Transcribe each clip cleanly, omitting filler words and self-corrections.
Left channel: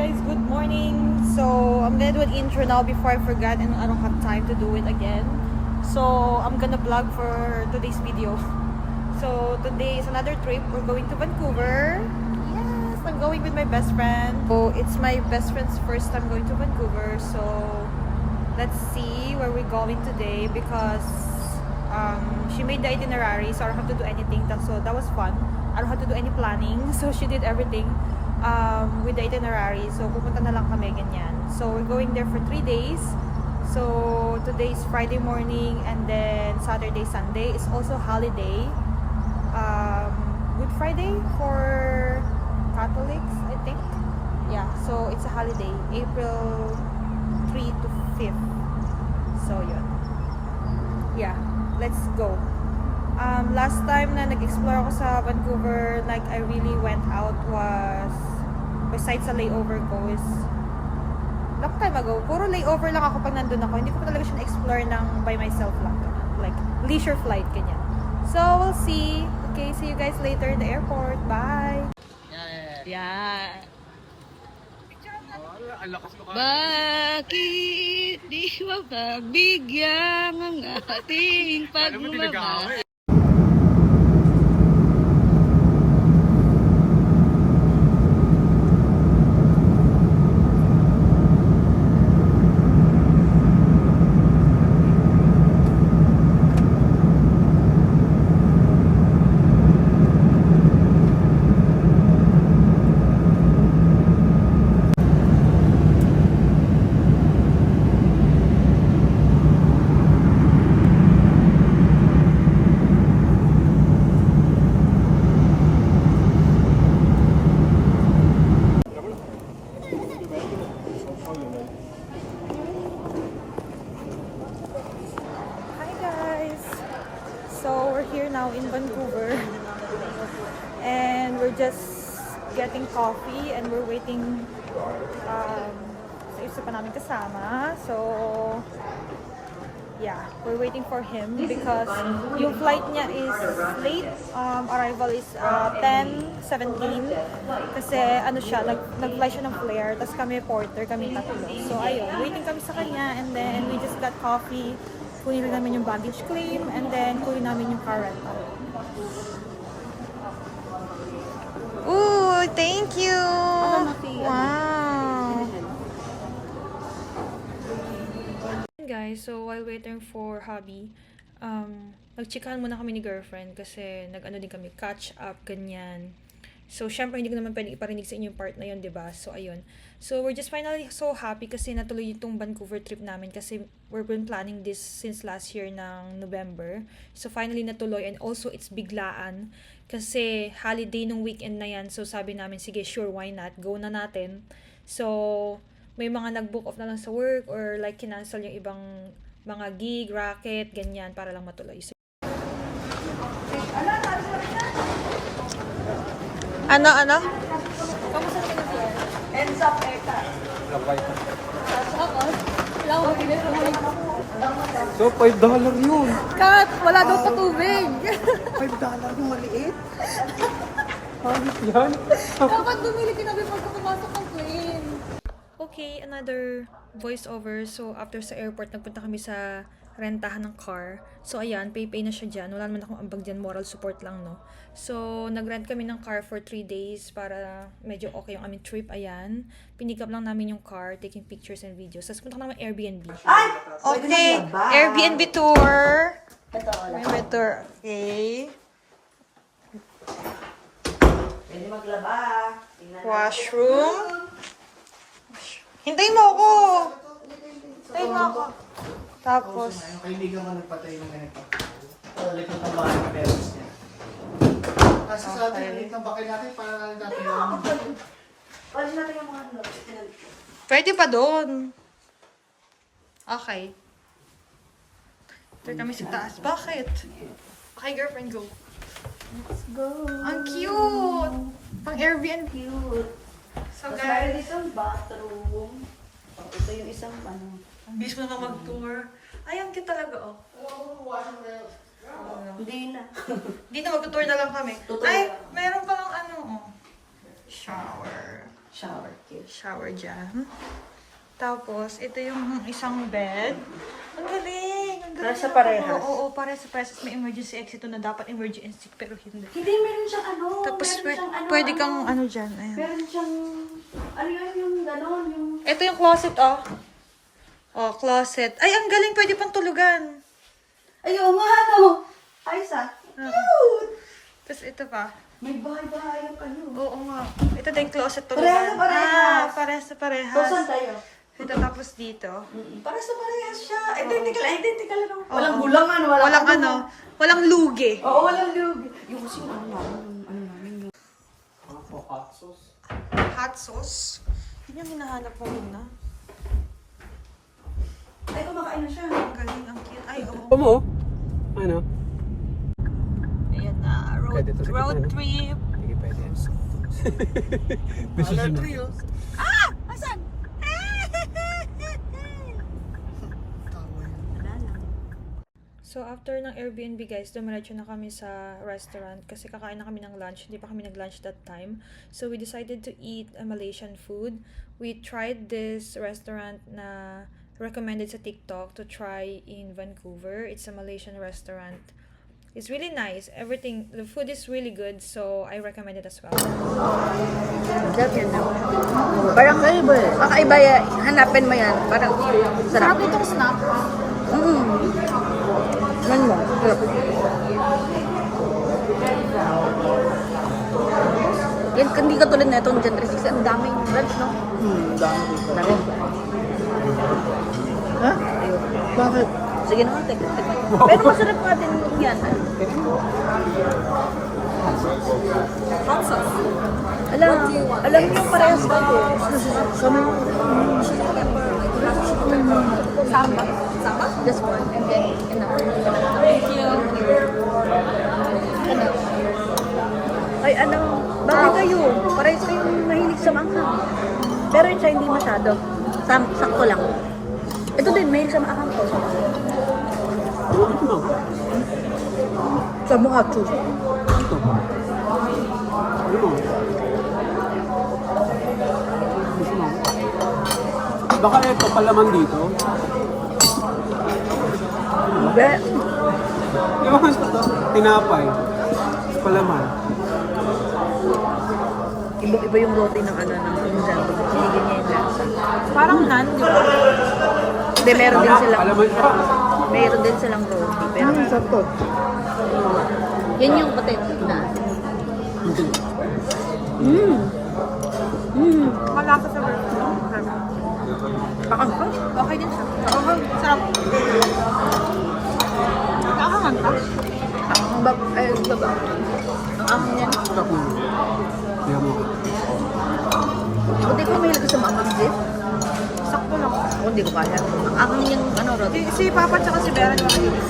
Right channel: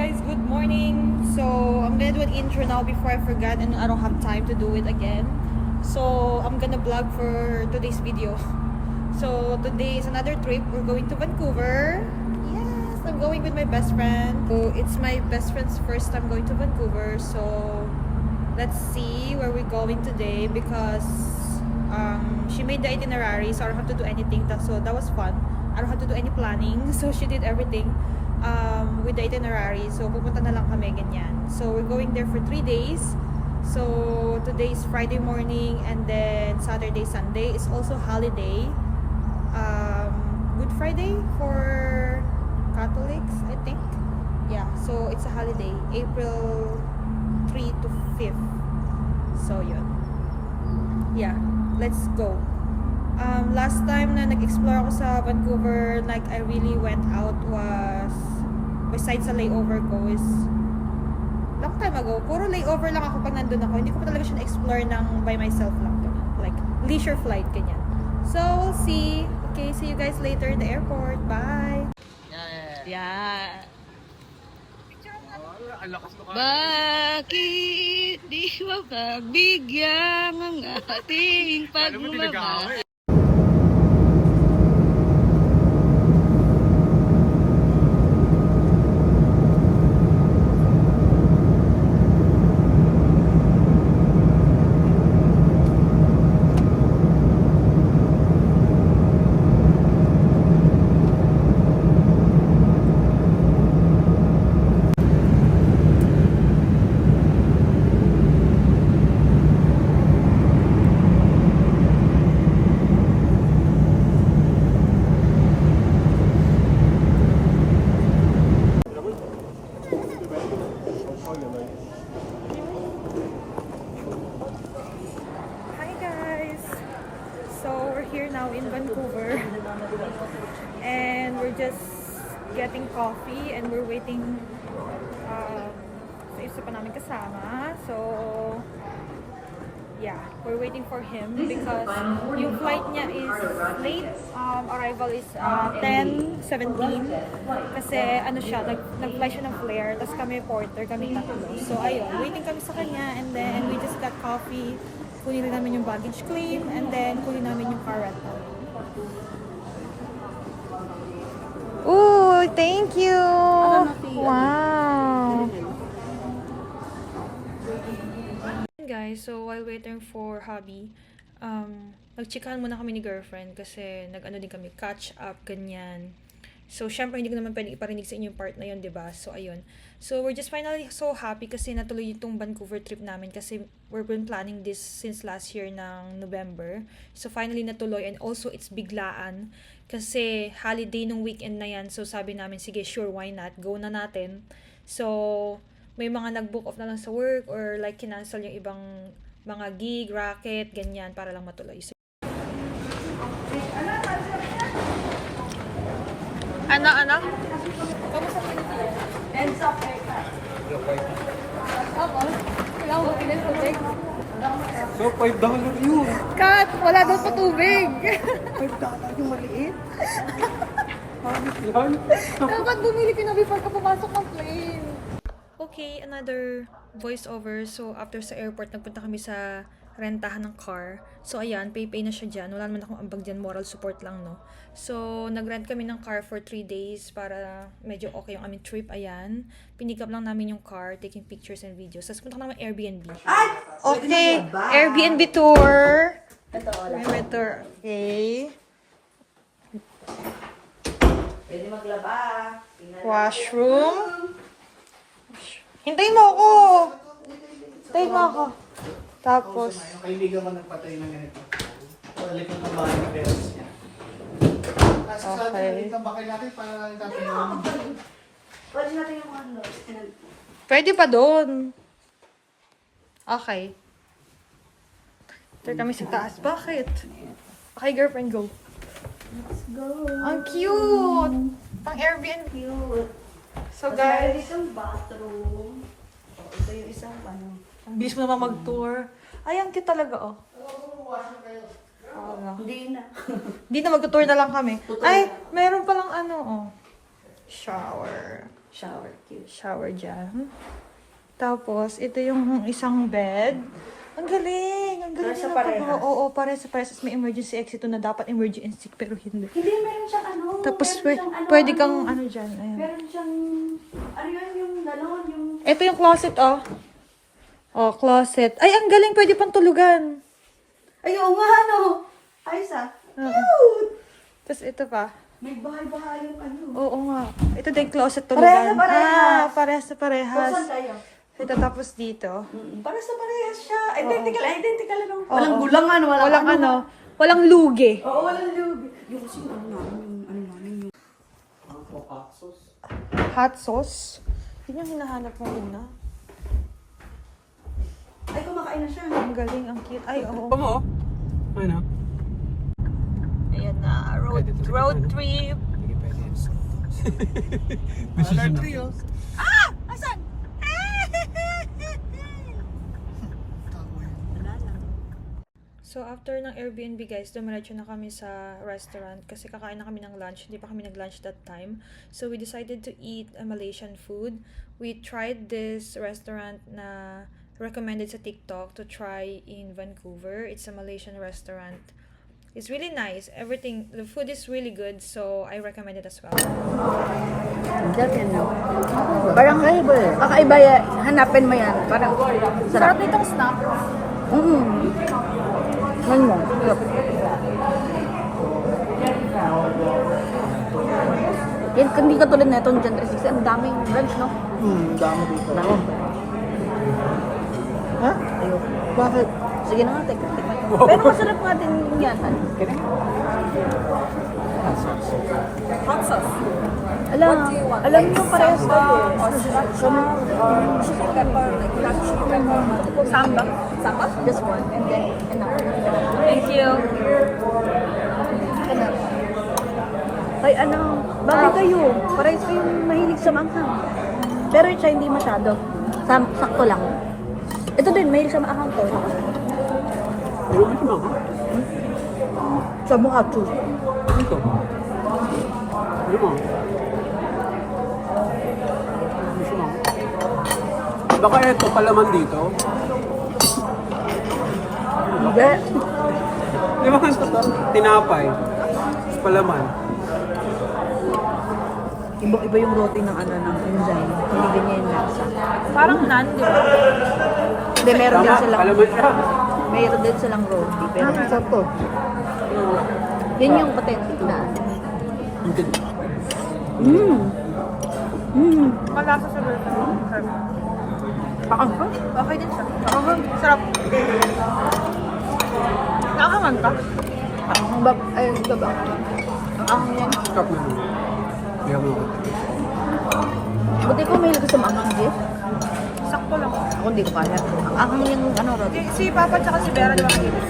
guys, good morning. So I'm gonna do an intro now before I forget and I don't have time to do it again. So I'm gonna vlog for today's video. So today is another trip. We're going to Vancouver. Yes, I'm going with my best friend. So it's my best friend's first time going to Vancouver. So let's see where we're going today because she made the itinerary, so I don't have to do anything. So that was fun. I don't have to do any planning. So she did everything with the itinerary. So pupunta na lang kami ganyan. So we're going there for 3 days. So today is Friday morning and then Saturday, Sunday is also holiday. Good Friday for Catholics, I think. Yeah, so it's a holiday, April 3 to 5th. So yun. Yeah, let's go. Last time na nag-explore ako sa Vancouver, like I really went out was besides sa layover ko is long time ago. Puro layover lang ako pag nandun ako. Hindi ko pa talaga siya na-explore ng by myself lang. Like leisure flight, ganyan. So, we'll see. Okay, see you guys later in the airport. Bye! Yeah. Bakit di mapagbigyan ang ating pagmamahal? So we're here now in Vancouver and we're just getting coffee and we're waiting sa isa pa namin kasama. So yeah, we're waiting for him because yung flight niya is late. Arrival is 10:17 kasi ano siya, nag-fly siya ng Flair tapos kami porter, kami tatlo. So ayun, waiting kami sa kanya and then we just got coffee. Kunin rin namin yung baggage claim and then kunin namin yung car rental. Ooh, thank you! Wow! Guys, so while waiting for hubby, nagchikahan muna kami ni girlfriend kasi nag-ano din kami, catch up, ganyan. So, syempre, hindi ko naman pwede iparinig sa inyo yung part na yun, diba? So, ayun. So, we're just finally so happy kasi natuloy itong Vancouver trip namin kasi we've been planning this since last year ng November. So, finally natuloy and also it's biglaan kasi holiday nung weekend na yan. So, sabi namin, sige, sure, why not? Go na natin. So, may mga nag-book off na lang sa work or like kinancel yung ibang mga gig, racket, ganyan para lang matuloy. So, ano? Kamusta naman ito? And sa paper. Tapos, wala ko makilit tubig. So, $5 yun. Kat, wala daw pa tubig. $5 yung maliit. Bakit yan? Dapat bumili ka na before ka pumasok ng plane. Okay, another voiceover. So, after sa airport, nagpunta kami sa rentahan ng car. So, ayan, pay na siya dyan. Wala naman akong ambag dyan, moral support lang, no? So, nag-rent kami ng car for 3 days para medyo okay yung aming trip. Ayan, pinik up lang namin yung car, taking pictures and videos. Tapos punta ka naman Airbnb. Okay, Airbnb tour. May tour. Okay. Pwede maglaba. Washroom. Hintayin mo ako. Hintayin mo ako. Tapos, Kaibigan mo nagpatay ng ganito. Likod ng bahay ni Beres niya. Kasi sa likod ng bahay natin, para lang natin yung... Pwede natin yung ano. pwede pa doon. Okay. Ito kami sa taas. Bakit? Okay, girlfriend, go. Let's go. Ang cute! Pang Airbnb. Cute. So, Tapos meron guys, ditong bathroom. Ito yung isang ano. ang bilis mo naman mag-tour. Ay, ang cute talaga, oh. Hindi na. Hindi na, mag-tour na lang kami. Ay, meron palang ano, oh. Shower. Shower case. Shower dyan. Tapos, ito yung isang bed. Ang galing! Ang galing. Para sa na parehas? pag- Oo, para sa parehas. May emergency exit na dapat emergency pero hindi. Hindi, meron siyang ano. Tapos, meron siyang pwede kang ano dyan. Ayan. Meron siyang, ano yun, yung gano'n, yung... Ito yung closet, oh. Oh, closet. Ay, ang galing. Pwede pang tulugan. Ay, oo nga, ano. Ayos ah. Cute! Tapos ito pa. May bahay-bahay yung ano. Oo nga. Ito din closet Parehas tulugan. na parehas. Parehas na So, parehas. saan tayo? Ito tapos dito. Para sa parehas siya. Identical, identical lang. Oo. Walang bulangan, Walang ano. Walang lugi. Oo, walang lube. Yung kasi ano namin, yung... Ano po, hot sauce? Hot sauce. Yun yung hinahanap mo muna. Ay, kumakain na siya. Ang galing, ang cute. Ay, oo. mo? Ano? Ayan na. Road, Pwede to sa road gitna, no? trip. Hindi pwede. Road trip. Ah! Asan? So, after ng Airbnb, guys, dumiretso na kami sa restaurant kasi kakain na kami ng lunch. Hindi pa kami nag-lunch that time. So, we decided to eat a Malaysian food. We tried this restaurant na recommended sa TikTok to try in Vancouver. It's a Malaysian restaurant. It's really nice. Everything, the food is really good. So, I recommend it as well. Parang ano ba? Kakaiba yan. Hanapin mo yan. Parang Sarap nitong snack. Ano? Yan, hindi ka tulad na itong Gen 360. Ang daming branch, no? Daming. Ha? Ayun. Bakit? Sige na, tikman. Pero masarap natin yan. Alam niyo parehas ko. Samba. Just one. And then, Thank you. ay ano, bakit kayo? Parehas kayong mahilig sa manghang. Pero siya hindi masyado. Sakto lang. Ito din, mahilig sa manghang ko. Sa mga acho. Baka ito palaman dito. Hindi. Di ba tinapay? Palaman. Iba yung roti ng ano, ng Indan. Hindi ganyan yung lasa. Parang nan, di ba? Hindi, meron din silang roti. Pero sakto. Yan yung potato na. Malasa sa burger. Sarap. Pakang pa? Okay din siya. Sarap. Nakakangan ka? Ang yan. Yan mo. Buti ko may sa mamang Jeff. Sakto lang. Ako hindi ko kaya. Ang yung ano, no? Si Papa tsaka si Vera, di ba nagilis?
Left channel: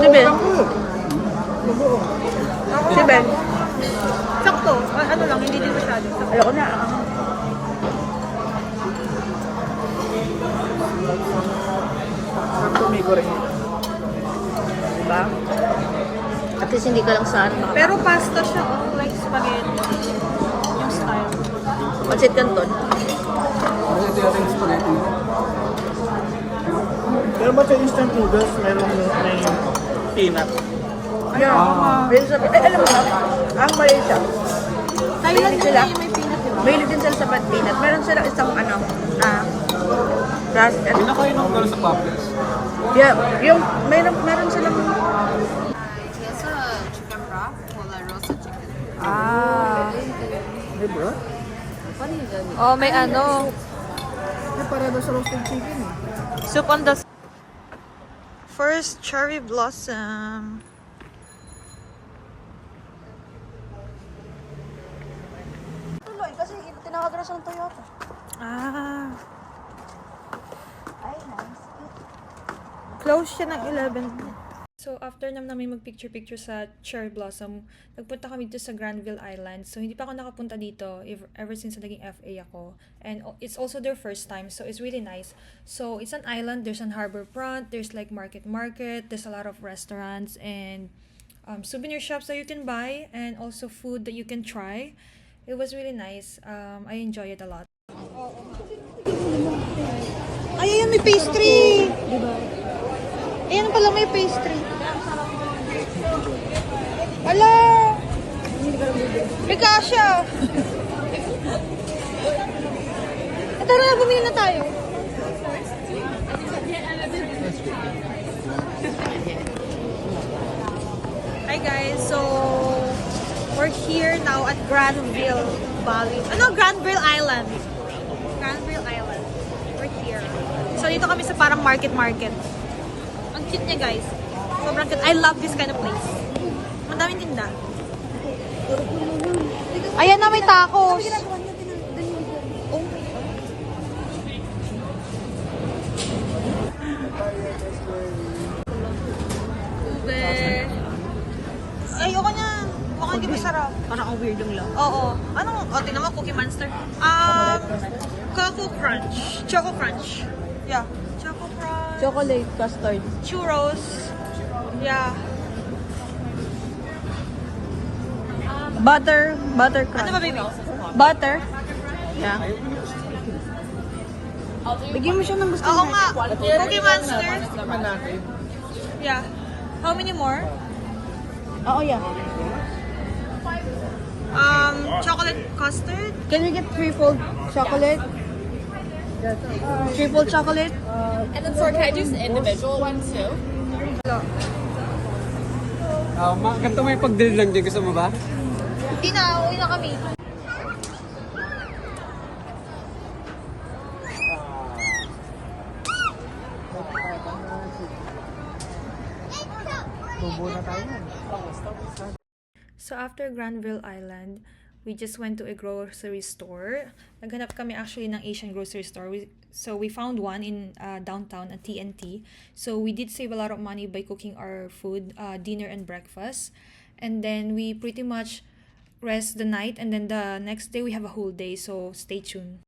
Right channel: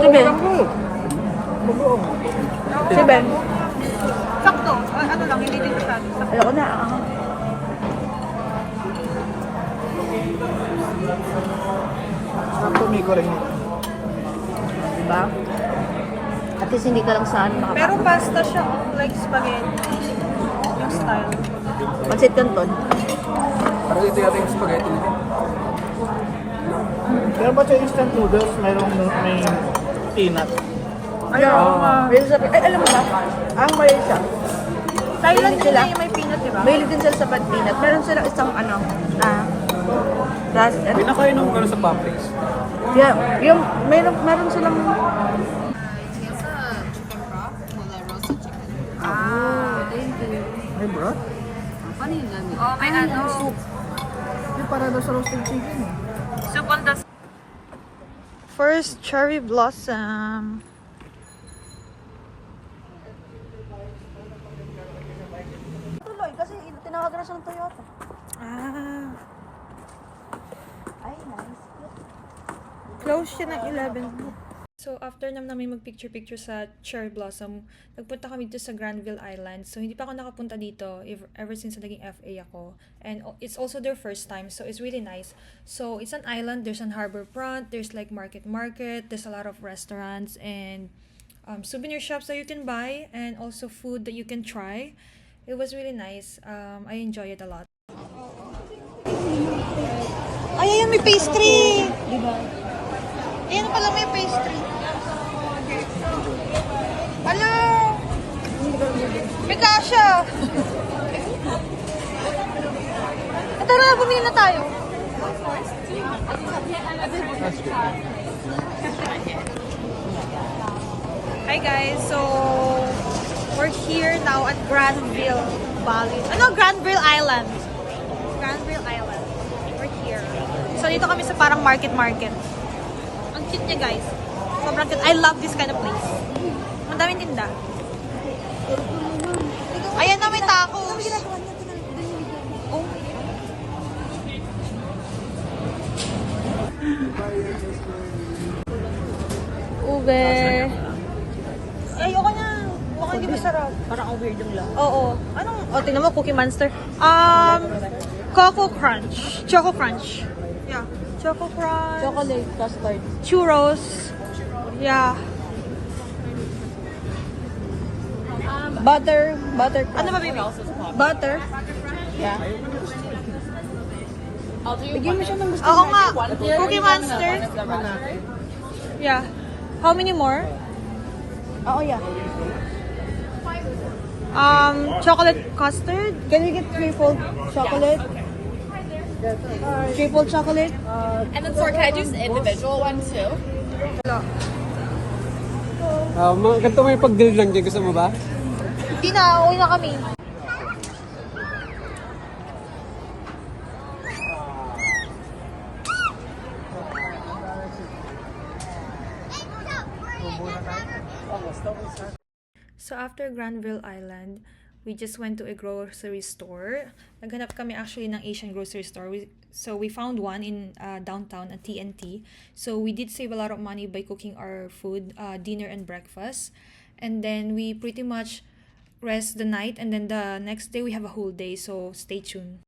Si Ben. Si Ben. Sakto. Ano lang, hindi din masyado. Alam na. May ko rin. Diba? At least hindi ka lang saan. Pero pasta siya, oh, like spaghetti. Yung style. Pancit Canton. Kasi ito yung spaghetti. Alam mo sa instant noodles, meron yung peanut. Ay, oo nga. Alam mo, ang Malaysia. Thailand yun yung may peanut, di ba? Mahilig din sila sa peanut. Meron silang isang ano, roasted. Pinakain mo sa Publix. Yeah, yung meron silang May broth? Oh, may ano. yung para daw sa roasted chicken eh. Soup on the... First cherry blossom. Tuloy kasi tinawagan na siya ng Toyota. Ah. Ay, nice. Close siya ng 11. So, after namin mag-picture-picture sa cherry blossom, nagpunta kami dito sa Granville Island. So, hindi pa ako nakapunta dito ever since naging FA ako. And it's also their first time, so it's really nice. So, it's an island. There's an harbor front. There's like market. There's a lot of restaurants and souvenir shops that you can buy and also food that you can try. It was really nice. I enjoy it a lot. Ay, ayan, may pastry! Diba? Ayan pala may pastry. Ala! May kasha! Tara, bumili na tayo. Hi guys, so we're here now at Granville Valley. Ano? Granville Island. Granville Island. We're here. So dito kami sa parang market. Ang cute niya guys. Sobrang cute. I love this kind of place. Ang daming tinda. Ayan na, may taco. Oh my God. Ube. Ayoko niya. Baka hindi masarap. Parang ang weird lang. Oo. Anong, tingnan mo, Cookie Monster. Coco Crunch. Choco Crunch. Yeah. Choco Crunch. Chocolate custard. Churros. Yeah. Butter. Ano ba, baby? Butter. Yeah. Bigyan mo siya ng gusto. Oo nga. Cookie Monster. Yeah. How many more? Ako yeah. Chocolate custard. Can we get triple chocolate? Triple chocolate? And then, sorry, can I do an individual one too? Ganito mo yung pag-deal lang dyan. Gusto mo ba? Hindi na. Uwi na kami. So after Granville Island, we just went to a grocery store. Naghanap kami actually ng Asian grocery store. So we found one in downtown at TNT. So we did save a lot of money by cooking our food, dinner and breakfast. And then we pretty much rest the night, and then the next day we have a whole day, so stay tuned.